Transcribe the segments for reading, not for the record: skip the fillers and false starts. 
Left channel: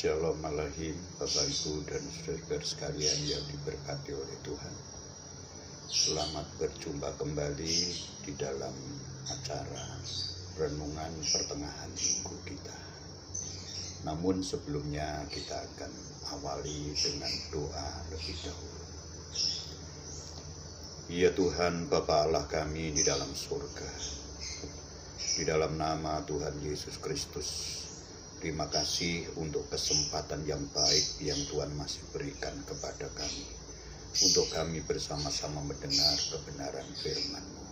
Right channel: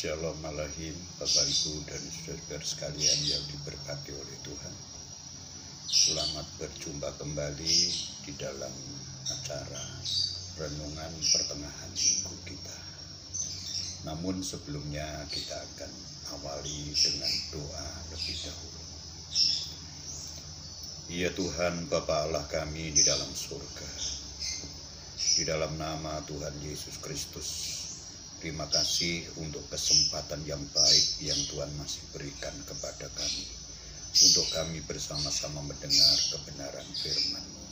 Shalom Alaikum Bapak Ibu dan saudara sekalian yang diberkati oleh Tuhan. Selamat berjumpa kembali di dalam acara renungan pertengahan minggu kita. Namun sebelumnya kita akan awali dengan doa lebih dahulu. Ya Tuhan Bapa Allah kami di dalam surga, di dalam nama Tuhan Yesus Kristus, terima kasih untuk kesempatan yang baik yang Tuhan masih berikan kepada kami, untuk kami bersama-sama mendengar kebenaran firman-Mu.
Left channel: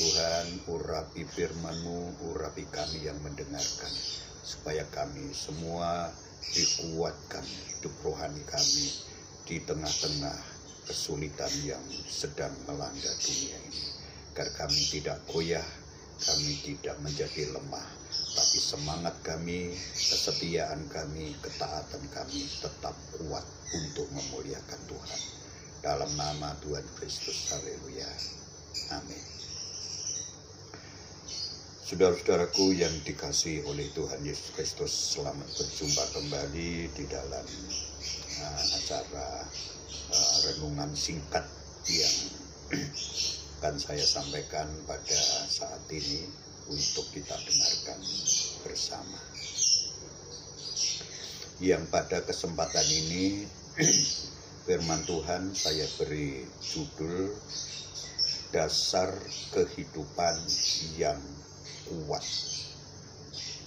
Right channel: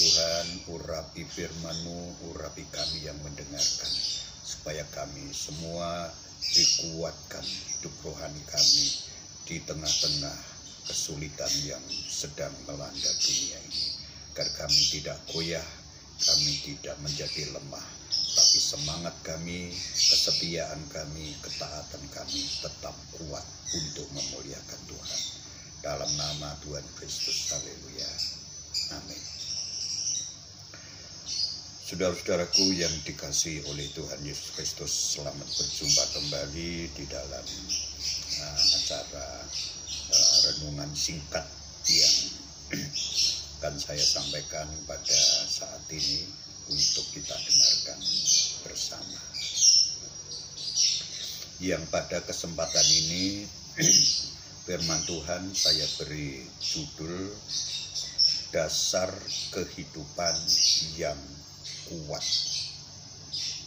Tuhan, urapi firman-Mu, urapi kami yang mendengarkan, supaya kami semua dikuatkan hidup rohani kami di tengah-tengah kesulitan yang sedang melanda dunia ini. Agar kami tidak goyah, kami tidak menjadi lemah, tapi semangat kami, kesetiaan kami, ketaatan kami tetap kuat untuk memuliakan Tuhan. Dalam nama Tuhan Kristus, haleluya, amin. Saudara-saudaraku yang dikasihi oleh Tuhan Yesus Kristus, selamat berjumpa kembali di dalam acara renungan singkat yang akan saya sampaikan pada saat ini untuk kita dengarkan bersama. Yang pada kesempatan ini firman Tuhan saya beri judul Dasar Kehidupan yang Kuat.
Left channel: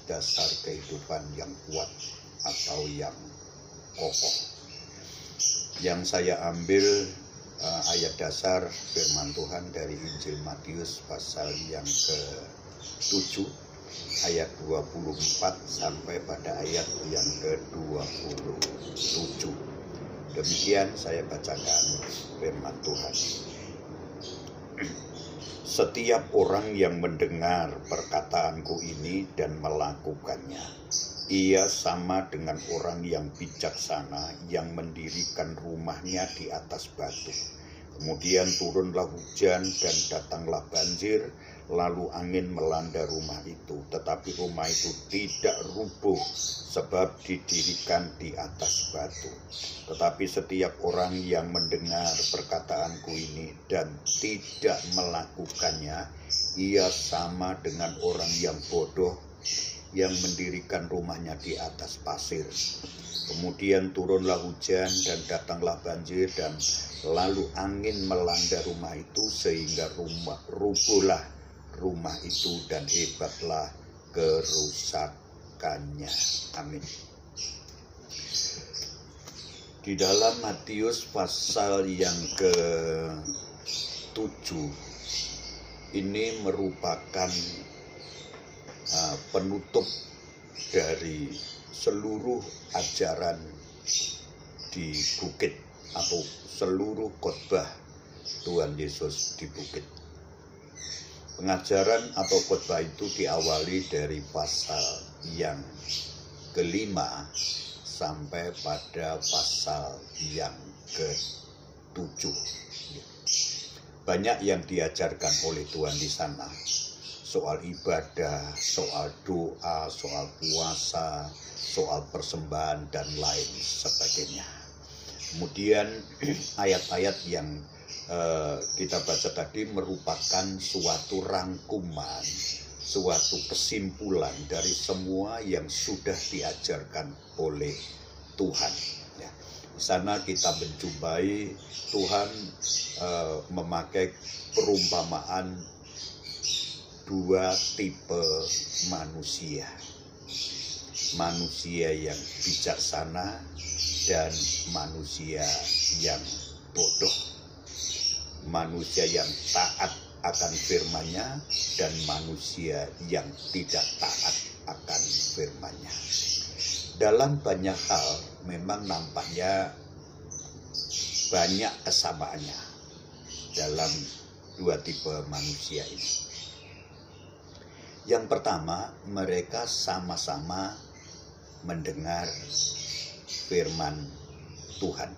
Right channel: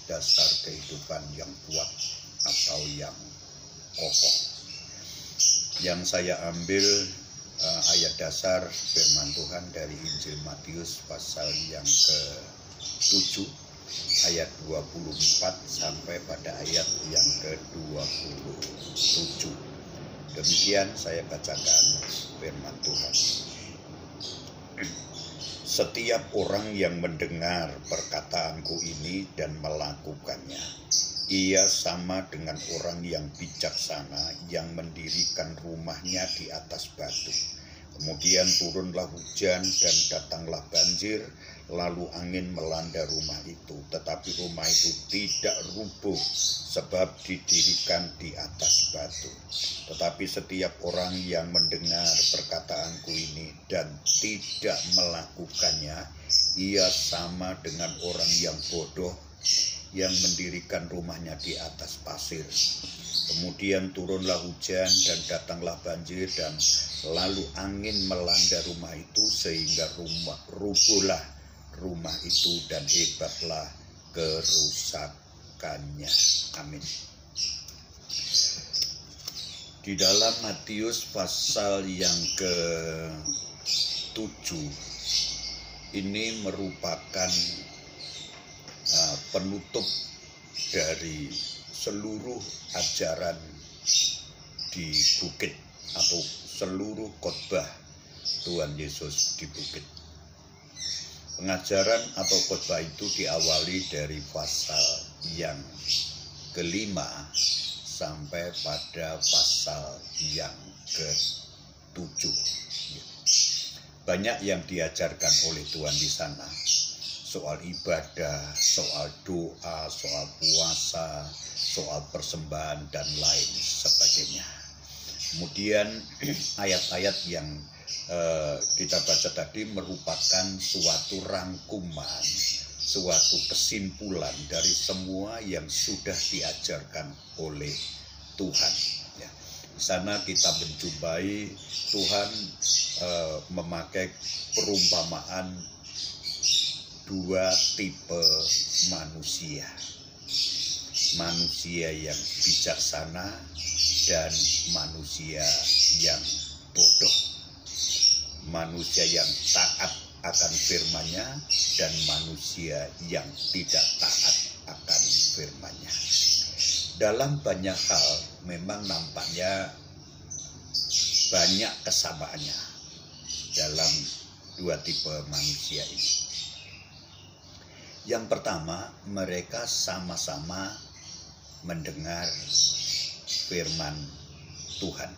Dasar kehidupan yang kuat atau yang kokoh. Yang saya ambil ayat dasar firman Tuhan dari Injil Matius pasal yang ke-7 ayat 24 sampai pada ayat yang ke-27. Demikian saya bacakan firman Tuhan. Setiap orang yang mendengar perkataanku ini dan melakukannya, ia sama dengan orang yang bijaksana yang mendirikan rumahnya di atas batu. Kemudian turunlah hujan dan datanglah banjir, lalu angin melanda rumah itu. Tetapi rumah itu tidak rubuh sebab didirikan di atas batu. Tetapi setiap orang yang mendengar perkataanku ini dan tidak melakukannya, ia sama dengan orang yang bodoh yang mendirikan rumahnya di atas pasir. Kemudian turunlah hujan dan datanglah banjir dan lalu angin melanda rumah itu sehingga rubuhlah rumah itu dan hebatlah kerusakannya. Amin. Di dalam Matius pasal yang ke-7 ini merupakan penutup dari seluruh ajaran di bukit atau seluruh khotbah Tuhan Yesus di bukit. Pengajaran atau khotbah itu diawali dari pasal yang ke-5 sampai pada pasal yang ke-7. Banyak yang diajarkan oleh Tuhan di sana. Soal ibadah, soal doa, soal puasa, soal persembahan, dan lain sebagainya. Kemudian ayat-ayat yang kita baca tadi merupakan suatu rangkuman, suatu kesimpulan dari semua yang sudah diajarkan oleh Tuhan. Ya. Di sana kita menjumpai Tuhan memakai perumpamaan dua tipe manusia. Manusia yang bijaksana dan manusia yang bodoh. Manusia yang taat akan firman-Nya dan manusia yang tidak taat akan firman-Nya. Dalam banyak hal memang nampaknya banyak kesamaannya dalam dua tipe manusia ini. Yang pertama, mereka sama-sama mendengar firman Tuhan.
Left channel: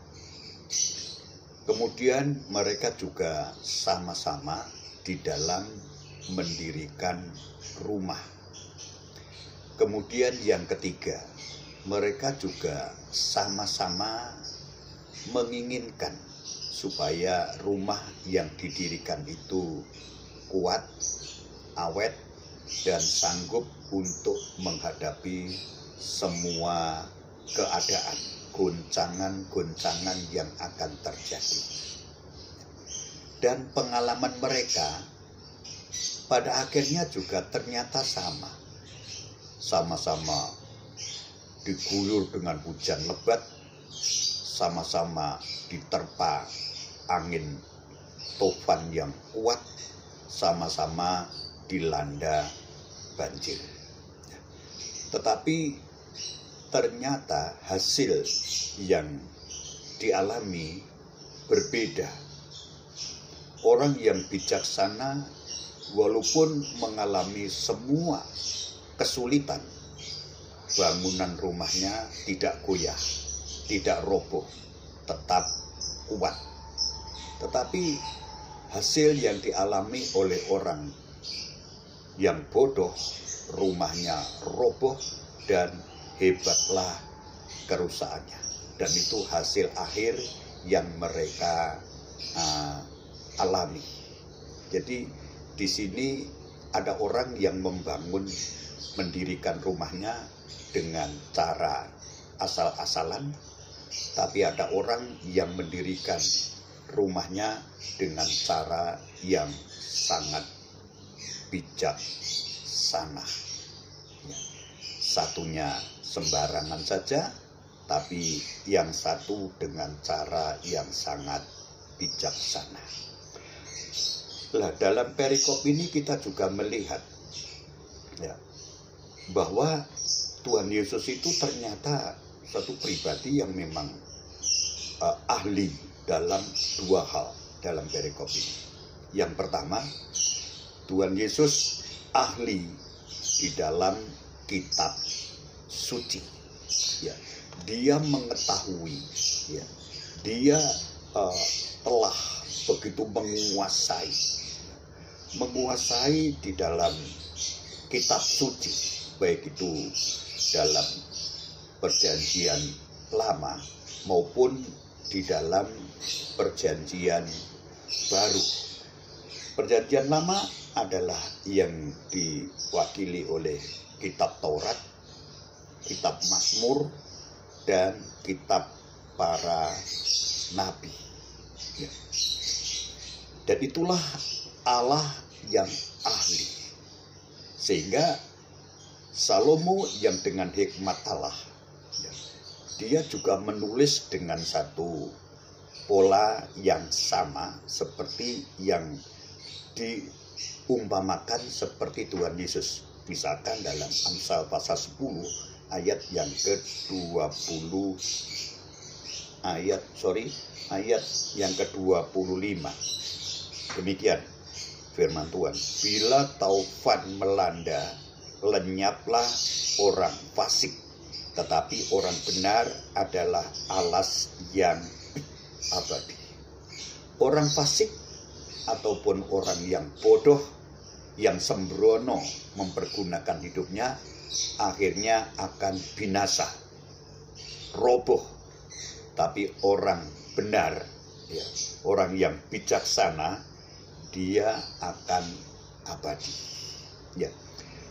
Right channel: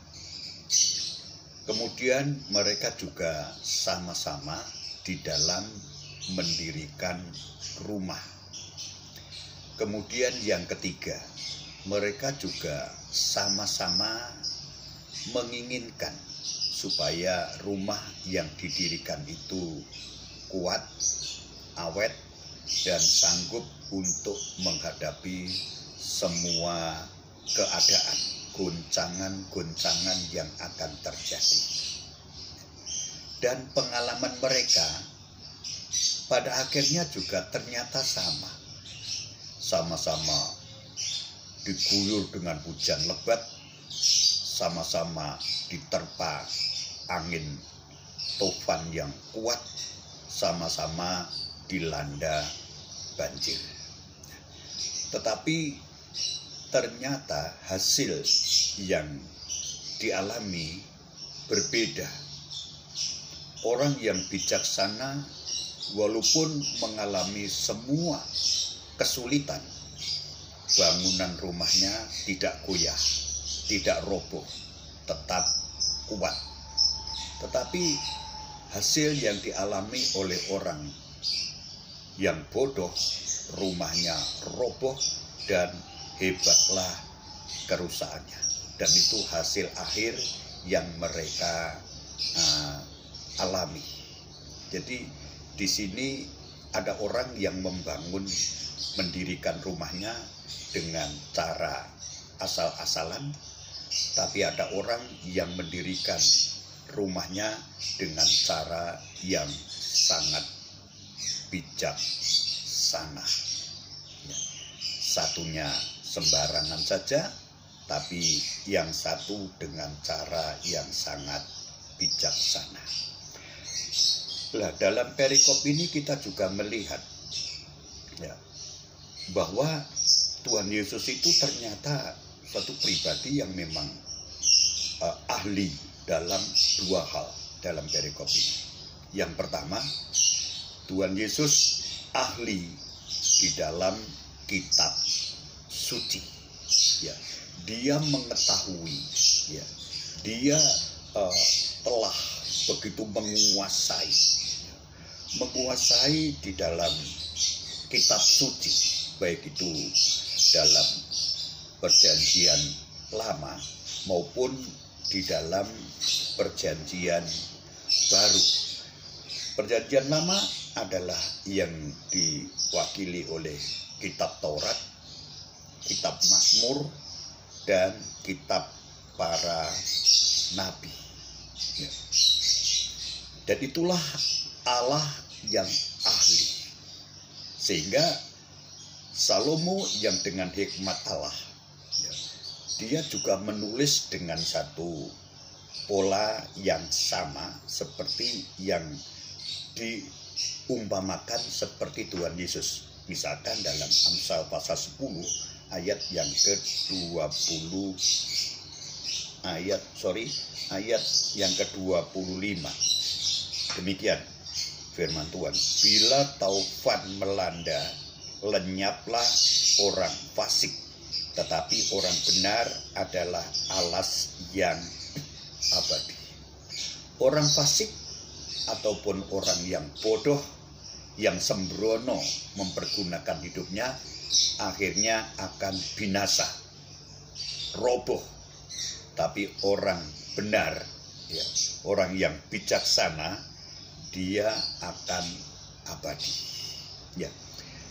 Kemudian mereka juga sama-sama di dalam mendirikan rumah. Kemudian yang ketiga, mereka juga sama-sama menginginkan supaya rumah yang didirikan itu kuat, awet, dan sanggup untuk menghadapi semua keadaan, goncangan-goncangan yang akan terjadi. Dan pengalaman mereka pada akhirnya juga ternyata sama. Sama-sama diguyur dengan hujan lebat, sama-sama diterpa angin tofan yang kuat, sama-sama dilanda banjir. Tetapi ternyata hasil yang dialami berbeda. Orang yang bijaksana walaupun mengalami semua kesulitan, bangunan rumahnya tidak goyah, tidak roboh, tetap kuat. Tetapi hasil yang dialami oleh orang yang bodoh, rumahnya roboh dan hebatlah kerusakannya. Dan itu hasil akhir yang mereka alami. Jadi di sini ada orang yang mendirikan rumahnya dengan cara asal-asalan, tapi ada orang yang mendirikan rumahnya dengan cara yang sangat bijaksana. Satunya sembarangan saja, tapi yang satu dengan cara yang sangat bijaksana. Nah, dalam perikop ini kita juga melihat bahwa Tuhan Yesus itu ternyata satu pribadi yang memang ahli dalam dua hal dalam perikop ini. Yang pertama, Tuhan Yesus ahli di dalam kitab suci. Dia mengetahui, dia telah begitu menguasai di dalam kitab suci, baik itu dalam perjanjian lama maupun di dalam perjanjian baru. Perjanjian lama adalah yang diwakili oleh kitab Taurat, kitab Mazmur, dan kitab para nabi. Dan itulah Allah yang ahli. Sehingga Salomo yang dengan hikmat Allah, dia juga menulis dengan satu pola yang sama seperti yang diumpamakan seperti Tuhan Yesus. Misalkan dalam Amsal pasal 10 ayat yang ke-25. Ayat yang ke-25. Demikian firman Tuhan, bila taufan melanda, lenyaplah orang fasik, tetapi orang benar adalah alas yang abadi. Orang fasik ataupun orang yang bodoh, yang sembrono mempergunakan hidupnya, akhirnya akan binasa, roboh. Tapi orang benar, orang yang bijaksana, dia akan abadi.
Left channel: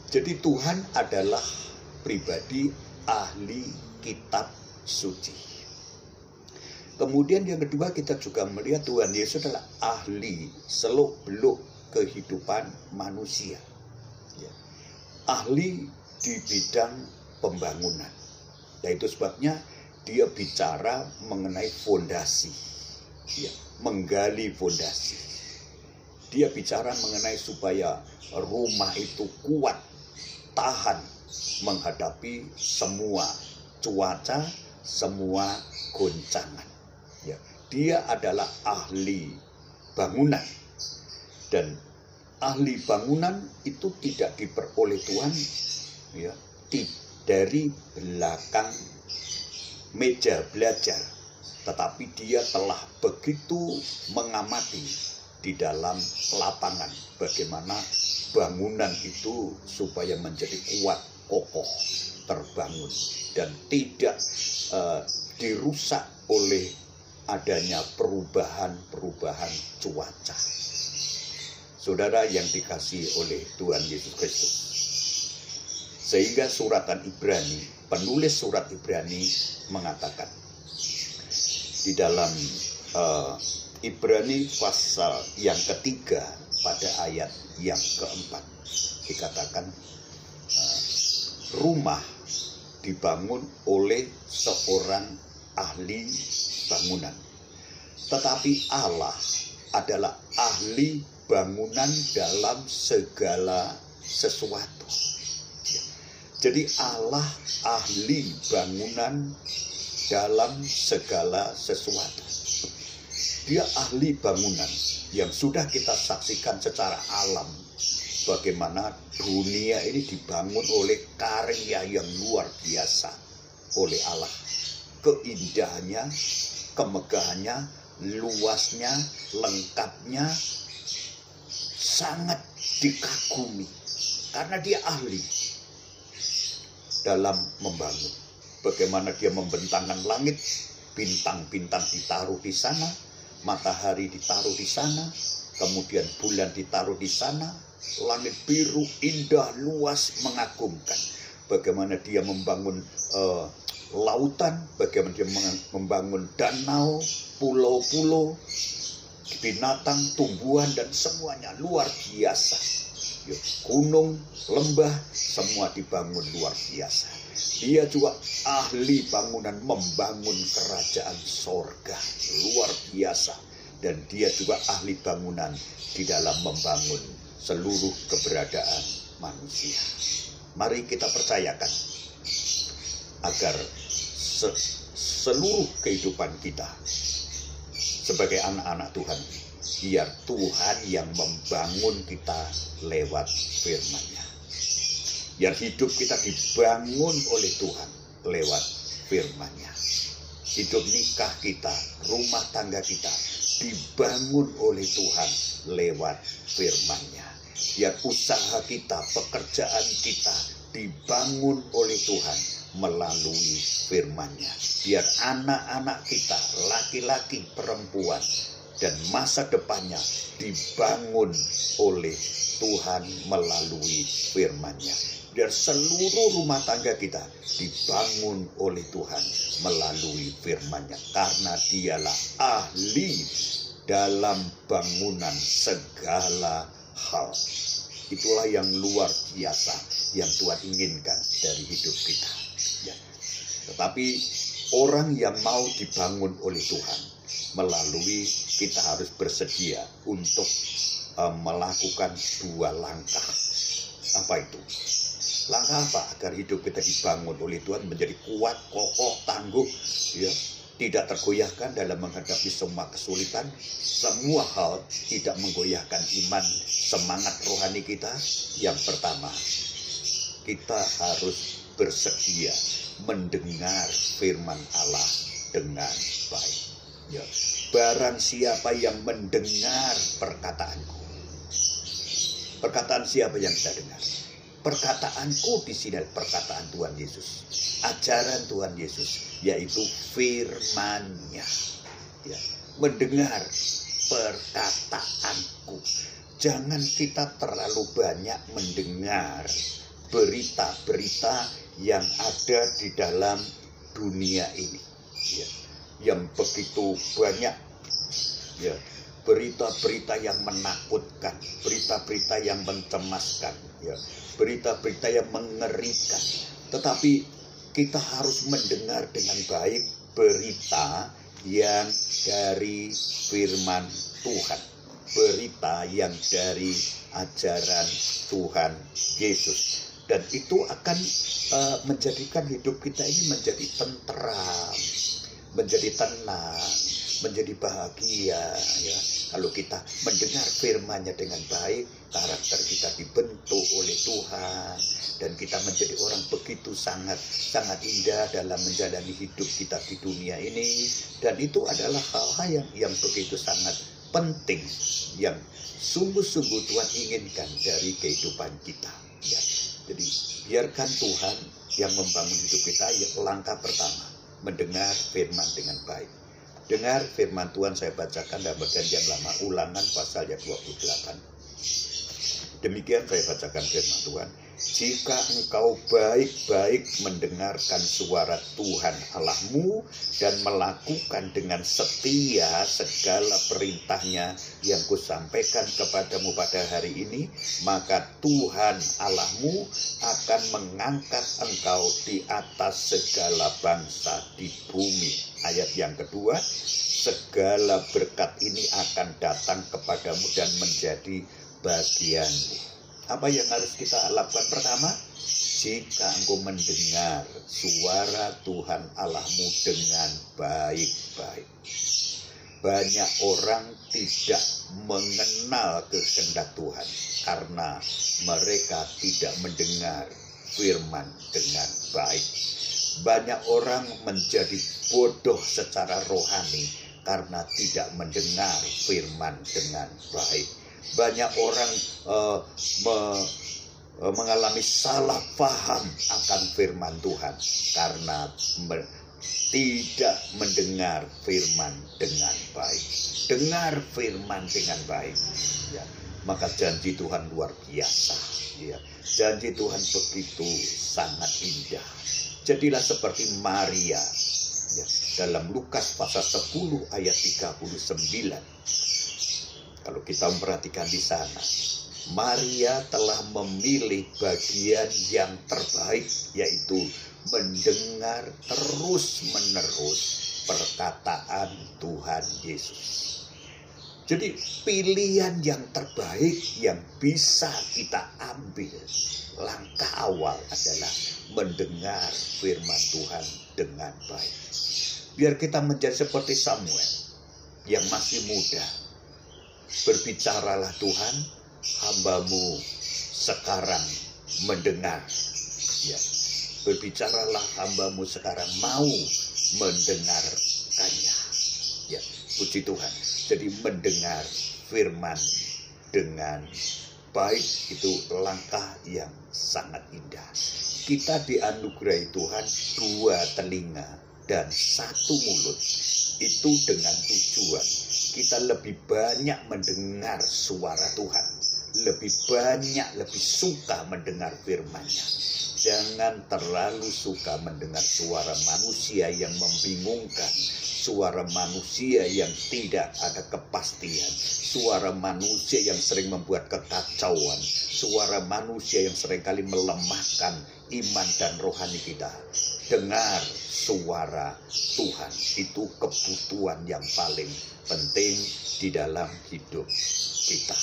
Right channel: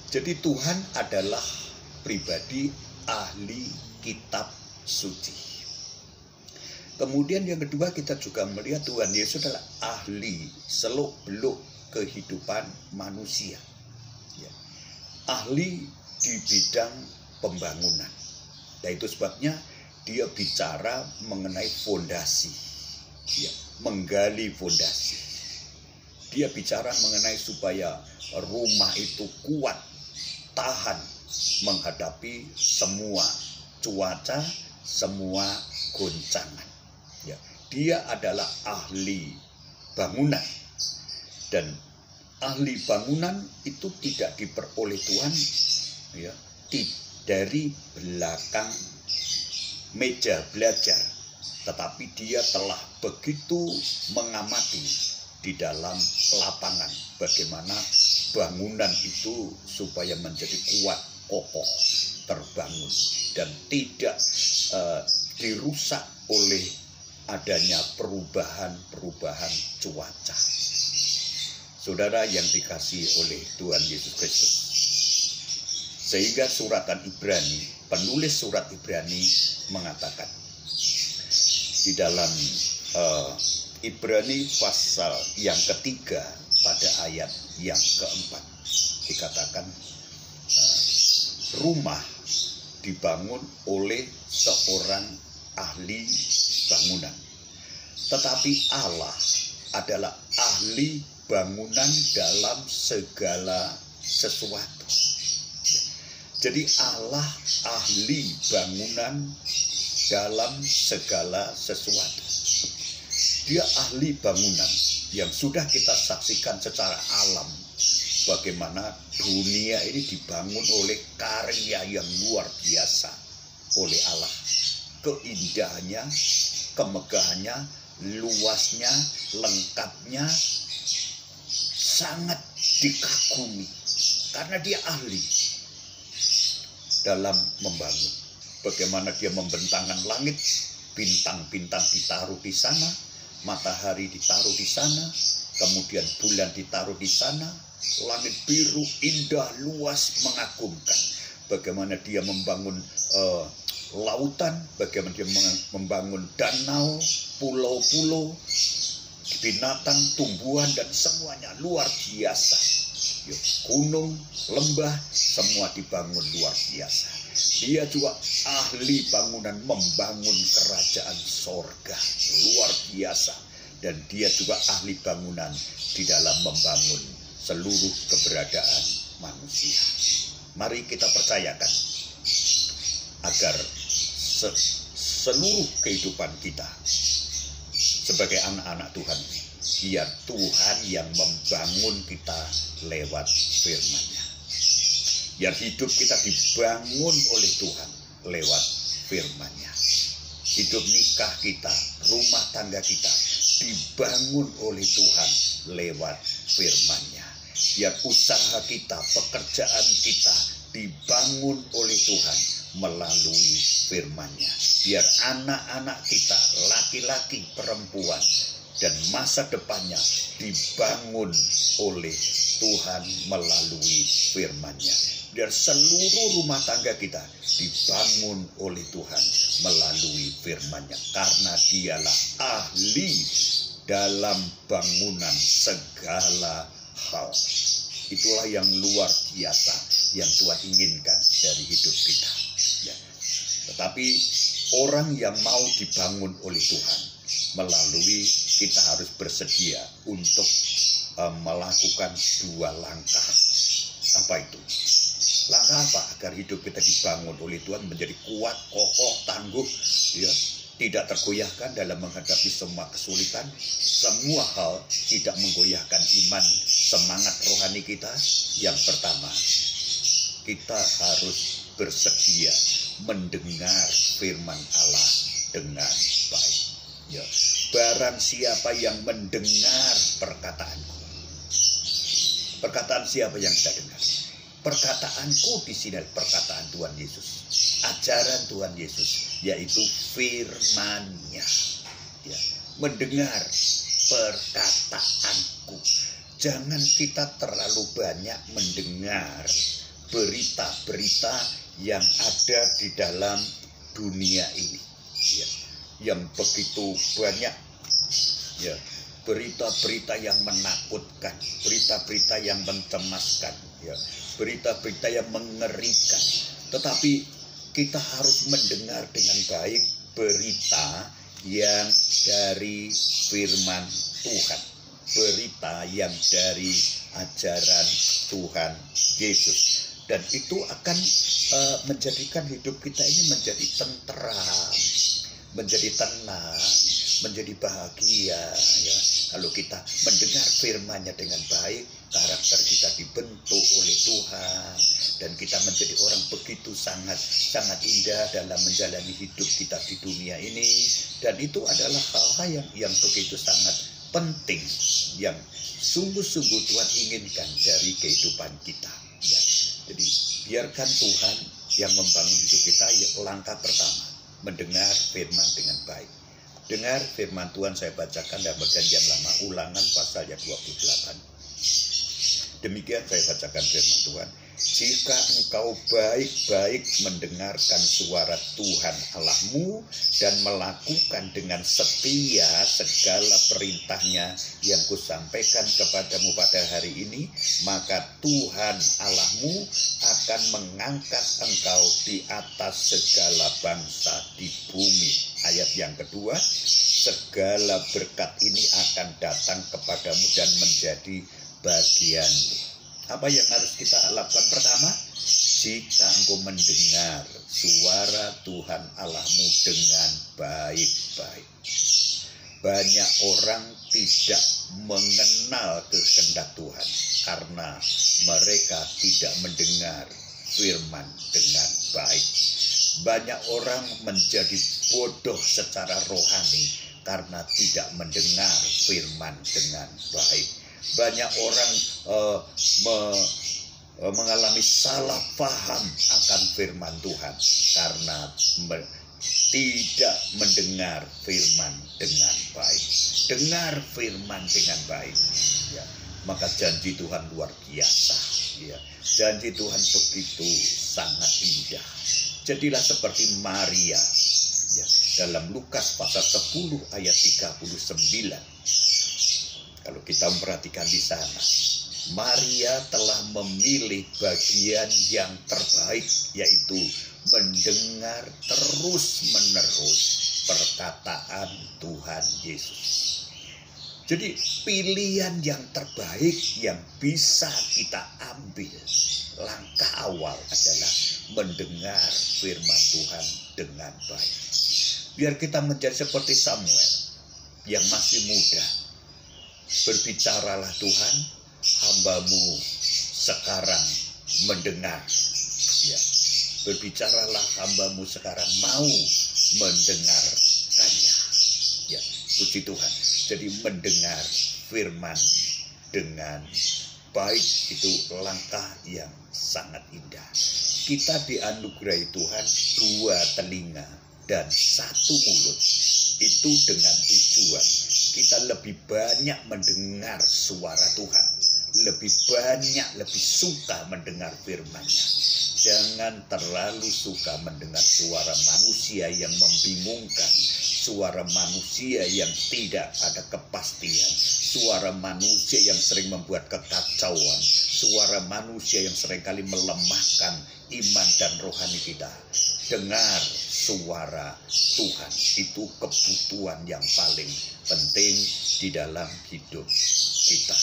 Jadi Tuhan adalah pribadi ahli kitab suci. Kemudian yang kedua, kita juga melihat Tuhan Yesus adalah ahli seluk-beluk kehidupan manusia. Ahli di bidang pembangunan. Nah, itu sebabnya dia bicara mengenai fondasi, menggali fondasi. Dia bicara mengenai supaya rumah itu kuat, tahan menghadapi semua cuaca, semua goncangan. Dia adalah ahli bangunan. Dan ahli bangunan itu tidak diperoleh Tuhan dari belakang meja belajar, tetapi dia telah begitu mengamati di dalam lapangan bagaimana bangunan itu supaya menjadi kuat, kokoh. terbangun dan tidak dirusak oleh adanya perubahan-perubahan cuaca. Saudara yang dikasihi oleh Tuhan Yesus Kristus, sehingga suratan Ibrani, penulis surat Ibrani mengatakan di dalam Ibrani pasal yang ketiga pada ayat yang keempat dikatakan, rumah dibangun oleh seorang ahli bangunan, tetapi Allah adalah ahli bangunan dalam segala sesuatu. Jadi Allah ahli bangunan dalam segala sesuatu. Dia ahli bangunan yang sudah kita saksikan secara alam, bagaimana dunia ini dibangun oleh karya yang luar biasa oleh Allah. Keindahannya, kemegahannya, luasnya, lengkapnya, sangat dikagumi karena dia ahli dalam membangun. Bagaimana dia membentangkan langit, bintang-bintang ditaruh di sana, matahari ditaruh di sana, kemudian bulan ditaruh di sana, langit biru, indah, luas, mengagumkan. Bagaimana dia membangun lautan, bagaimana dia membangun danau, pulau-pulau, binatang, tumbuhan, dan semuanya luar biasa. Gunung, lembah, semua dibangun luar biasa. Dia juga ahli bangunan, membangun kerajaan sorga luar biasa. Dan dia juga ahli bangunan di dalam membangun seluruh keberadaan manusia. Mari kita percayakan agar seluruh kehidupan kita sebagai anak-anak Tuhan, biar Tuhan yang membangun kita lewat firman-Nya. Biar hidup kita dibangun oleh Tuhan lewat firman-Nya. Hidup nikah kita, rumah tangga kita dibangun oleh Tuhan lewat firman-Nya. Biar usaha kita, pekerjaan kita dibangun oleh Tuhan melalui firman-Nya. Biar anak-anak kita, laki-laki, perempuan, dan masa depannya dibangun oleh Tuhan melalui firman-Nya. Biar seluruh rumah tangga kita dibangun oleh Tuhan melalui firman-Nya. Karena dialah ahli dalam bangunan segala hal. Itulah yang luar biasa yang Tuhan inginkan dari hidup kita. Ya. Tetapi orang yang mau dibangun oleh Tuhan melalui, kita harus bersedia untuk melakukan dua langkah. Apa itu? Langkah apa? Agar hidup kita dibangun oleh Tuhan menjadi kuat, kokoh, tangguh, ya, tidak tergoyahkan dalam menghadapi semua kesulitan. Semua hal tidak menggoyahkan iman, semangat rohani kita. Yang pertama, kita harus bersedia mendengar firman Allah dengan baik. Ya. Barang siapa yang mendengar perkataanku. Perkataan siapa yang saya dengar? Perkataanku di sini adalah perkataan Tuhan Yesus. Ajaran Tuhan Yesus, yaitu firman-Nya. Ya. Mendengar perkataanku. Jangan kita terlalu banyak mendengar berita-berita yang ada di dalam dunia ini. Ya. Yang begitu banyak. Ya. Berita-berita yang menakutkan, berita-berita yang mencemaskan, ya, berita-berita yang mengerikan. Tetapi kita harus mendengar dengan baik berita yang dari firman Tuhan, berita yang dari ajaran Tuhan Yesus. Dan itu akan menjadikan hidup kita ini menjadi tentram, menjadi tenang, menjadi bahagia, ya. Kalau kita mendengar firman-Nya dengan baik, karakter kita dibentuk oleh Tuhan, dan kita menjadi orang begitu sangat indah dalam menjalani hidup kita di dunia ini. Dan itu adalah hal-hal yang begitu sangat penting, yang sungguh-sungguh Tuhan inginkan dari kehidupan kita. Ya. Jadi biarkan Tuhan yang membangun hidup kita. Langkah pertama, mendengar firman dengan baik. Dengar firman Tuhan, saya bacakan dalam Perjanjian Lama, Ulangan pasal 28. Demikian saya bacakan firman Tuhan. Jika engkau baik-baik mendengarkan suara Tuhan Allahmu dan melakukan dengan setia segala perintahnya yang kusampaikan kepadamu pada hari ini, maka Tuhan Allahmu akan mengangkat engkau di atas segala bangsa di bumi. Ayat yang kedua, segala berkat ini akan datang kepadamu dan menjadi bagianmu. Apa yang harus kita lakukan? Pertama, jika engkau mendengar suara Tuhan Allahmu dengan baik-baik. Banyak orang tidak mengenal kehendak Tuhan karena mereka tidak mendengar firman dengan baik. Banyak orang menjadi bodoh secara rohani karena tidak mendengar firman dengan baik. Banyak orang mengalami salah paham akan firman Tuhan karena tidak mendengar firman dengan baik. Dengar firman dengan baik, ya, maka janji Tuhan luar biasa. Ya. Janji Tuhan begitu sangat indah. Jadilah seperti Maria, ya, dalam Lukas pasal 10 ayat 39. Kalau kita memperhatikan di sana, Maria telah memilih bagian yang terbaik, yaitu mendengar terus-menerus perkataan Tuhan Yesus. Jadi pilihan yang terbaik yang bisa kita ambil, langkah awal adalah mendengar firman Tuhan dengan baik. Biar kita menjadi seperti Samuel yang masih muda. Berbicaralah Tuhan, hamba-Mu sekarang mendengar. Ya, berbicaralah hamba-Mu sekarang mau mendengarkannya. Ya, puji Tuhan. Jadi mendengar firman dengan baik itu langkah yang sangat indah. Kita dianugerahi Tuhan 2 telinga dan 1 mulut. Itu dengan tujuan kita lebih banyak mendengar suara Tuhan, lebih banyak, lebih suka mendengar firman-Nya. Jangan terlalu suka mendengar suara manusia yang membingungkan, suara manusia yang tidak ada kepastian, suara manusia yang sering membuat kekacauan, suara manusia yang seringkali melemahkan iman dan rohani kita. Dengar suara Tuhan, itu kebutuhan yang paling penting di dalam hidup kita.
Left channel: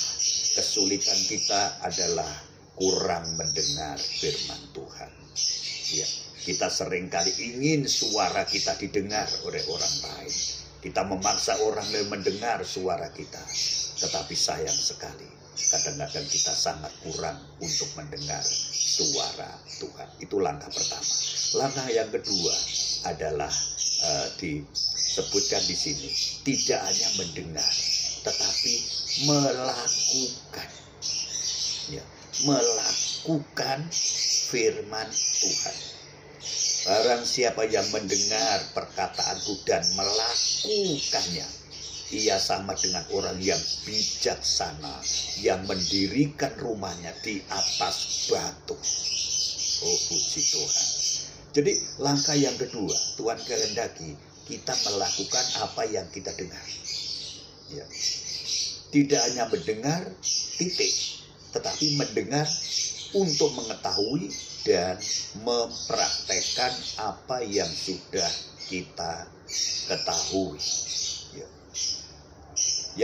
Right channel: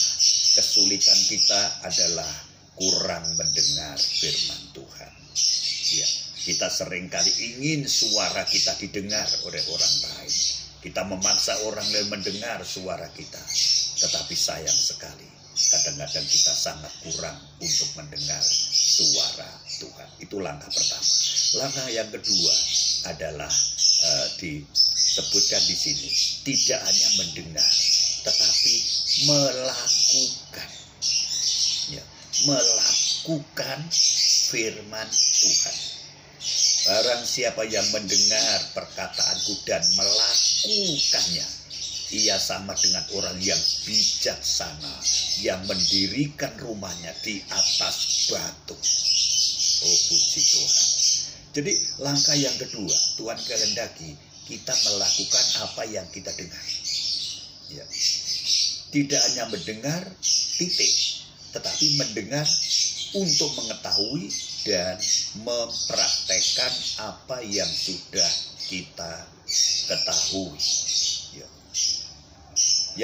Kesulitan kita adalah kurang mendengar firman Tuhan. Ya, kita seringkali ingin suara kita didengar oleh orang lain. Kita memaksa orang lain mendengar suara kita. Tetapi sayang sekali, kadang-kadang kita sangat kurang untuk mendengar suara Tuhan. Itu langkah pertama. Langkah yang kedua adalah disebutkan di sini, tidak hanya mendengar, tetapi melakukan. Ya, melakukan firman Tuhan. Barang siapa yang mendengar perkataanku dan melakukannya, ia sama dengan orang yang bijaksana, yang mendirikan rumahnya di atas batu. Oh, puji Tuhan. Jadi langkah yang kedua, Tuhan kehendaki kita melakukan apa yang kita dengar. Ya. Tidak hanya mendengar, titik, tetapi mendengar untuk mengetahui dan mempraktekkan apa yang sudah kita ketahui. Ya.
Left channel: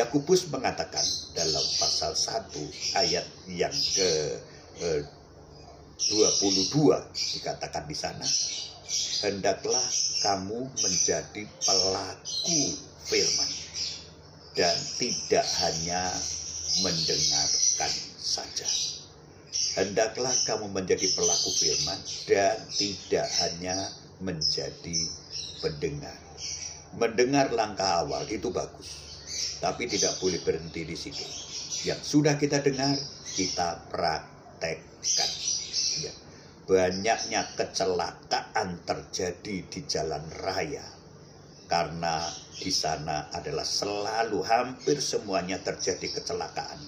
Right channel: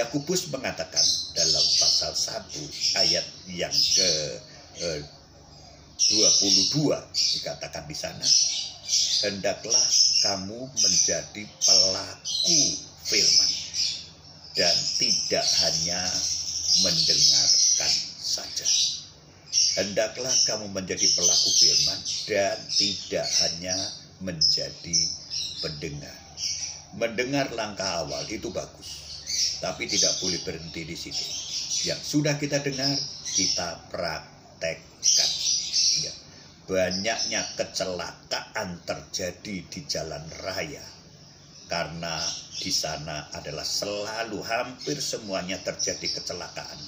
Yakobus mengatakan dalam pasal 1 ayat yang ke 22 dikatakan di sana, hendaklah kamu menjadi pelaku firman dan tidak hanya mendengarkan saja. Hendaklah kamu menjadi pelaku firman dan tidak hanya menjadi pendengar. Mendengar langkah awal itu bagus, tapi tidak boleh berhenti di situ. Yang sudah kita dengar, kita praktekkan. Ya. banyaknya kecelakaan terjadi di jalan raya. Karena di sana adalah selalu hampir semuanya terjadi kecelakaan.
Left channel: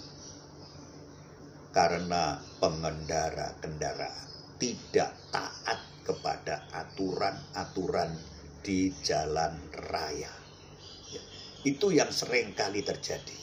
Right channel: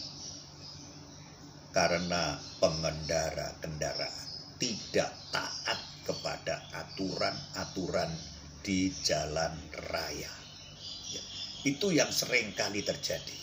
Karena pengendara kendaraan tidak taat kepada aturan-aturan di jalan raya. Itu yang sering kali terjadi.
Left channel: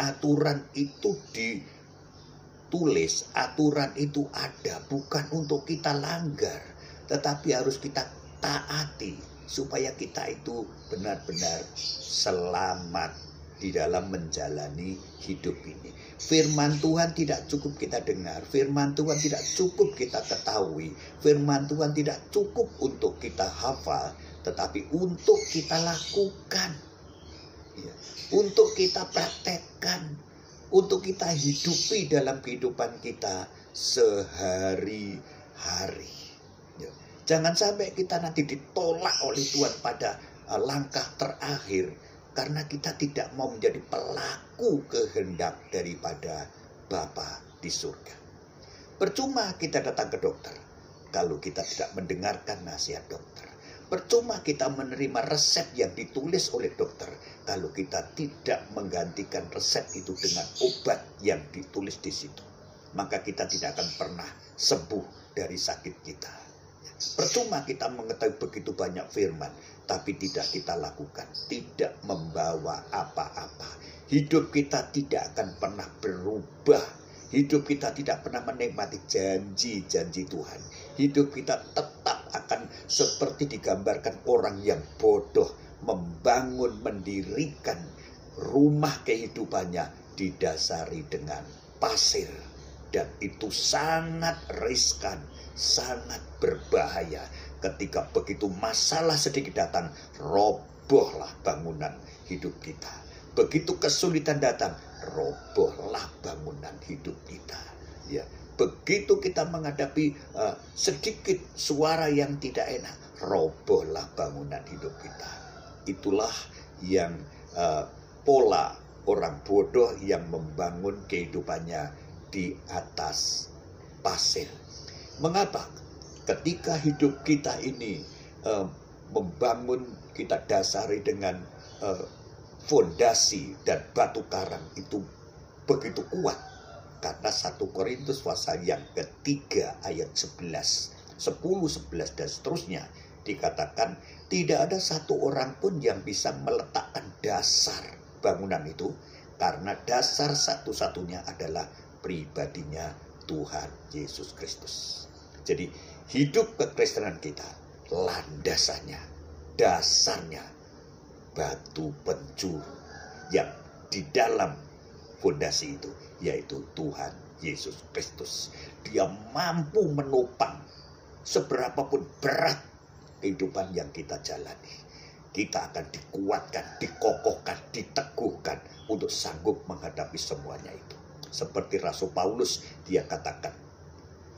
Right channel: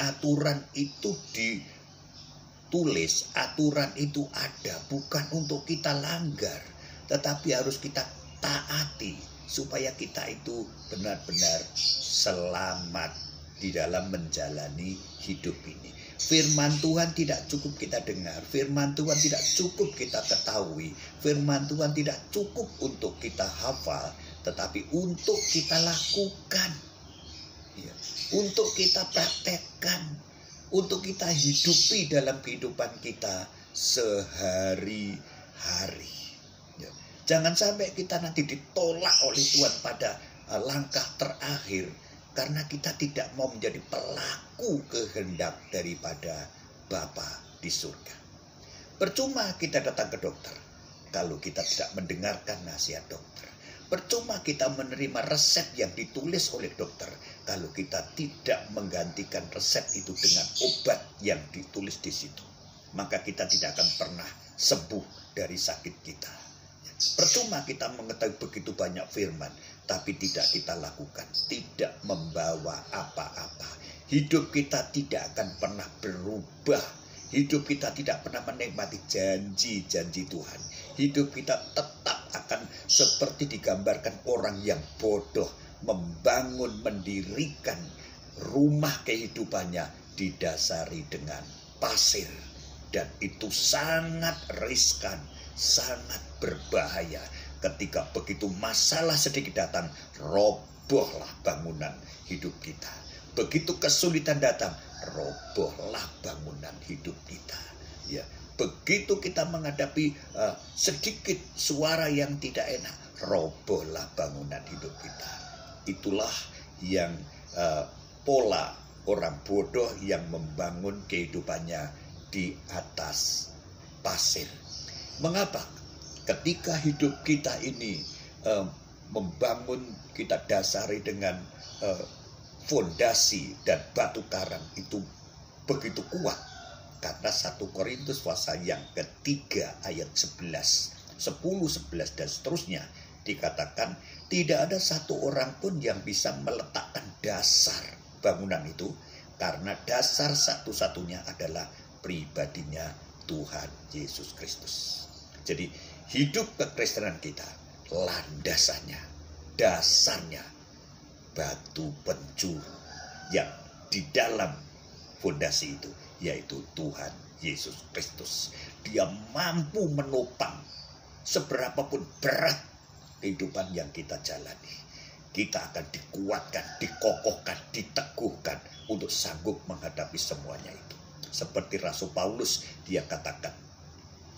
Aturan itu ditulis, aturan itu ada bukan untuk kita langgar, tetapi harus kita taati supaya kita itu benar-benar selamat di dalam menjalani hidup ini. Firman Tuhan tidak cukup kita dengar, firman Tuhan tidak cukup kita ketahui, firman Tuhan tidak cukup untuk kita hafal, tetapi untuk kita lakukan, untuk kita praktekkan, untuk kita hidupi dalam kehidupan kita sehari-hari. Jangan sampai kita nanti ditolak oleh Tuhan pada langkah terakhir karena kita tidak mau menjadi pelaku kehendak daripada Bapa di surga. Percuma kita datang ke dokter kalau kita tidak mendengarkan nasihat dokter. Percuma kita menerima resep yang ditulis oleh dokter kalau kita tidak menggantikan resep itu dengan obat yang ditulis di situ. Maka kita tidak akan pernah sembuh dari sakit kita. Percuma kita mengetahui begitu banyak firman, tapi tidak kita lakukan, tidak membawa apa-apa. Hidup kita tidak akan pernah berubah. Hidup kita tidak pernah menikmati janji-janji Tuhan. Hidup kita tetap akan seperti digambarkan orang yang bodoh, membangun, mendirikan rumah kehidupannya didasari dengan pasir. Dan itu sangat riskan, sangat berbahaya. Ketika begitu masalah sedikit datang, robohlah bangunan hidup kita. Begitu kesulitan datang, robohlah bangunan hidup kita. Ya, begitu kita menghadapi sedikit suara yang tidak enak, robohlah bangunan hidup kita. Itulah yang pola orang bodoh yang membangun kehidupannya di atas pasir. Mengapa? Ketika hidup kita ini membangun, kita dasari dengan fondasi dan batu karang itu begitu kuat. Karena 1 Korintus pasal yang ketiga ayat 11, 10, 11 dan seterusnya dikatakan tidak ada satu orang pun yang bisa meletakkan dasar bangunan itu karena dasar satu-satunya adalah pribadinya Tuhan Yesus Kristus. Jadi hidup kekristenan kita landasannya, dasarnya batu penjuru yang di dalam fondasi itu yaitu Tuhan Yesus Kristus. Dia mampu menopang seberapapun berat kehidupan yang kita jalani. Kita akan dikuatkan, dikokohkan, diteguhkan untuk sanggup menghadapi semuanya itu. Seperti Rasul Paulus, dia katakan,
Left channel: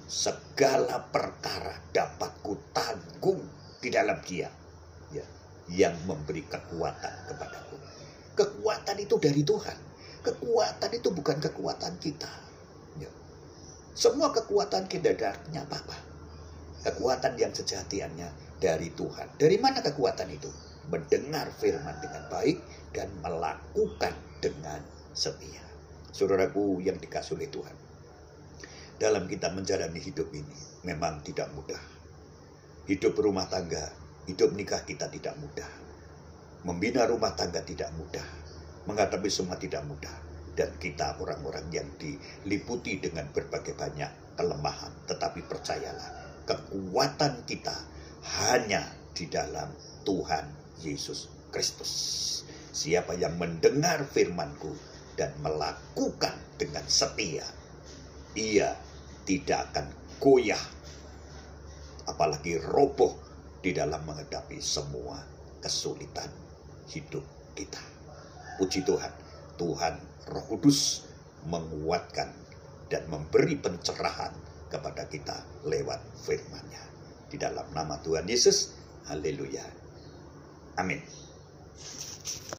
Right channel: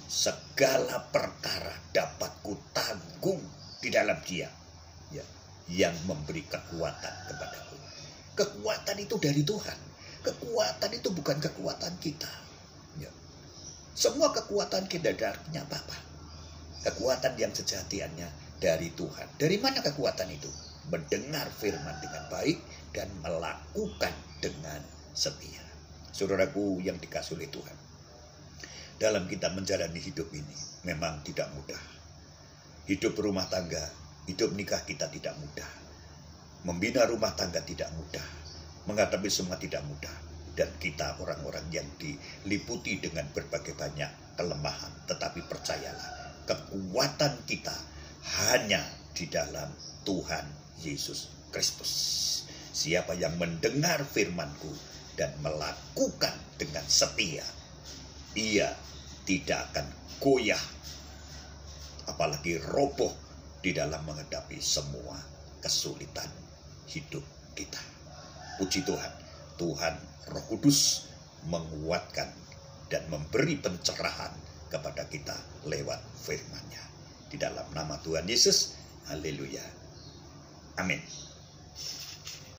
segala perkara dapat kutanggung di dalam Dia yang memberi kekuatan kepadaku. Kekuatan itu dari Tuhan. Kekuatan itu bukan kekuatan kita. Semua kekuatan kita dari apa? Kekuatan yang sejatiannya dari Tuhan. Dari mana kekuatan itu? Mendengar firman dengan baik dan melakukan dengan setia. Saudaraku yang dikasihi oleh Tuhan, dalam kita menjalani hidup ini memang tidak mudah. Hidup rumah tangga, hidup nikah kita tidak mudah. Membina rumah tangga tidak mudah. Menghadapi semua tidak mudah. Dan kita orang-orang yang diliputi dengan berbagai banyak kelemahan. Tetapi percayalah, kekuatan kita hanya di dalam Tuhan Yesus Kristus. Siapa yang mendengar firman-Ku dan melakukan dengan setia, ia tidak akan goyah, apalagi roboh di dalam menghadapi semua kesulitan hidup kita. Puji Tuhan, Tuhan Roh Kudus menguatkan dan memberi pencerahan kepada kita lewat firman-Nya. Di dalam nama Tuhan Yesus, haleluya. Amin.